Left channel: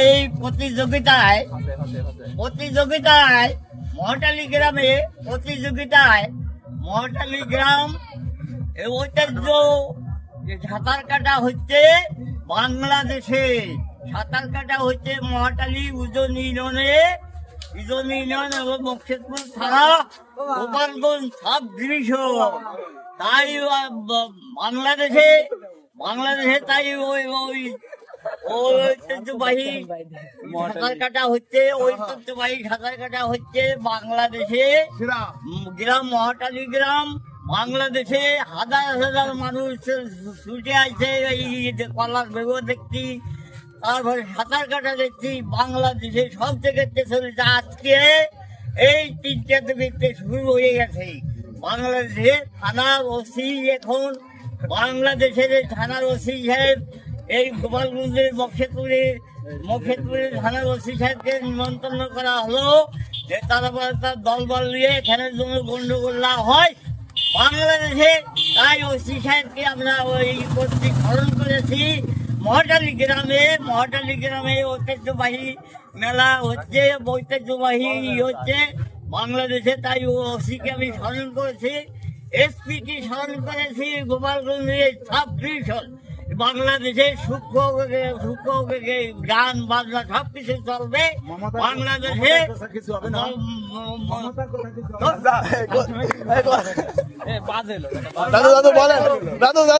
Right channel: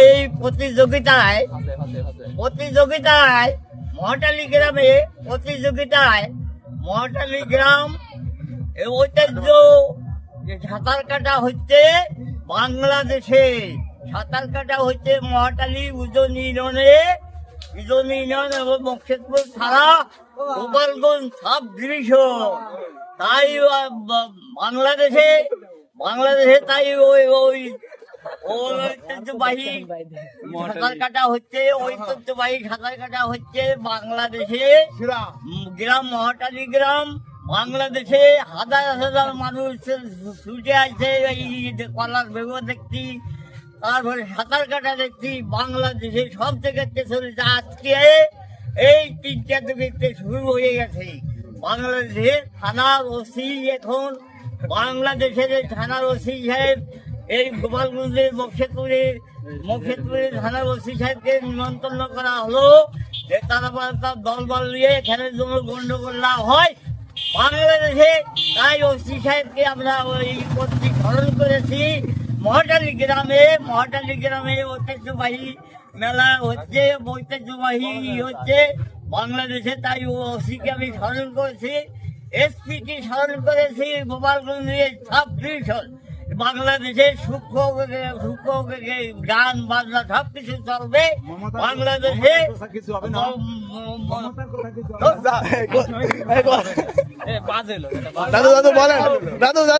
এই প্রতিযোগিতায় মহাটালী গ্রামে মহাটালী গ্রাম এই ঐতিহ্য যে সাঁতার কাটা হচ্ছে বাংলাদেশে, সাঁতার কাটা হচ্ছে মহাটালী উজন ইউনিয়ন এবং মকসেদপুর থানা গোপালগঞ্জ সাব ডিভিশন। তাই বাংলাদেশে তাই ওই ঐতিহ্যবাহী সাঁতার কাটা হচ্ছে বাংলাদেশে গ্রাম মহাটালী গ্রাম। বাংলাদেশে হাজার হাজার মানুষ ছুটে আসছে, এই কলার বেগুন দেখছি, তারপরে সাঁতার কাটা দেখছি। বাংলাদেশে সব জায়গাতে চলেছে। আজকে এই 3টা থেকে শুরু হয়ে গেছে। বাংলাদেশের থানার ওসি এখন বাংলাদেশের থানার ওসি সাহেব এই গোপালগঞ্জের মকসেদপুরের থানার ওসি সাহেবকে নিমন্ত্রণ করা হলো যে তার দলবল নিয়ে এখানের জন্য গন্ডগোল না হয় বাংলাদেশে। তাই ওসি সাহেবকে আমরা ওই কর্তৃক স্মরণ করেছি। মহাটালী গ্রামে ঐতিহ্যবাহী মেলা হচ্ছে, বাংলাদেশে। তাই ওসিকে আমি স্মরণ করেছি, এসপিকে স্মরণ করেছি। গোপালগঞ্জের সাব ডিভিশন বাংলাদেশের সূক্ষ্ম গান বাজনা সব কিছু চলবে বাংলাদেশে। দাদু বলেন দাদু।